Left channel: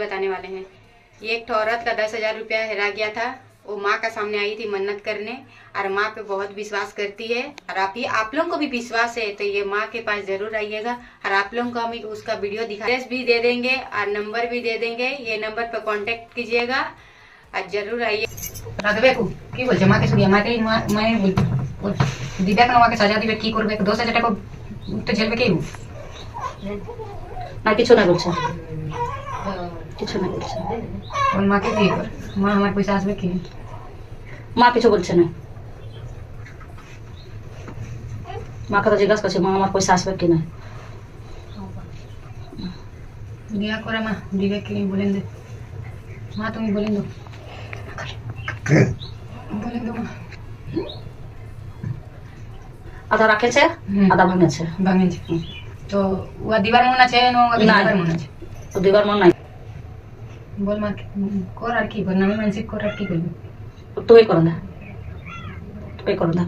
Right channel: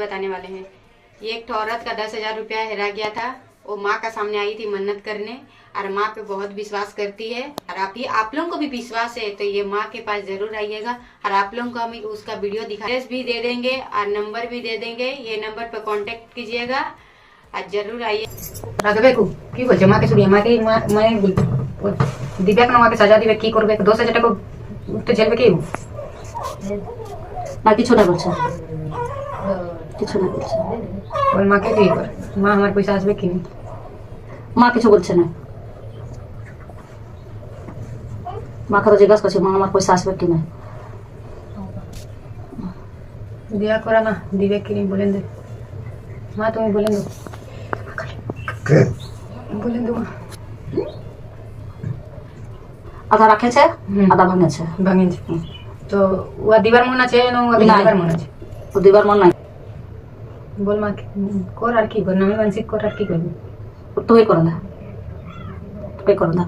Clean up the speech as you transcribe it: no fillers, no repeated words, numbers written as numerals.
बताने वाले हैं। ये एक औरत का 10,000 रुपया हेरा गया था। वो माँ का सामने आई थी मन्नत करने और माँ पे बहुत विश्वास करती है। और आप लोगों को भी विश्वास है तो ये माँ के पास जरूर आइएगा। और आप लोगों को हम उसका वीडियो एड्रेस भी दे देंगे और नंबर भी दे देंगे। ये नंबर पर कांटेक्ट कीजिएगा और जरूर आइए। রাখবেকু কি বলছে মাকে শুনিয়ে মাকে মানে দিব্যাক না মাকে সাজা দিবে কি করবে 10,000 টাকা উঠতে ঝেলবে কি না কিছু না বলছে, কিছু না বলছে। ওই মাকে দিয়ে মা আমার পয়সা আসবে কি মা কিছু বলছে না। মাকে তো জিজ্ঞাসা করছে মা আমার পয়সা আসবে কি না। দিয়া করা মা দিব্যাক কি বলেন দে মা তুমি বলেন দো বলেন দো আধা রাখেছে আধা ভাঙেছে। ভাঙেছে তো ও দিবার মন আছে না ও দিবার মন আছে ও দিবার মন নাই। বল মা কর আর কি কর নামে মানসিক কর আর কি করবি তুই করে দে, তুই করে দে।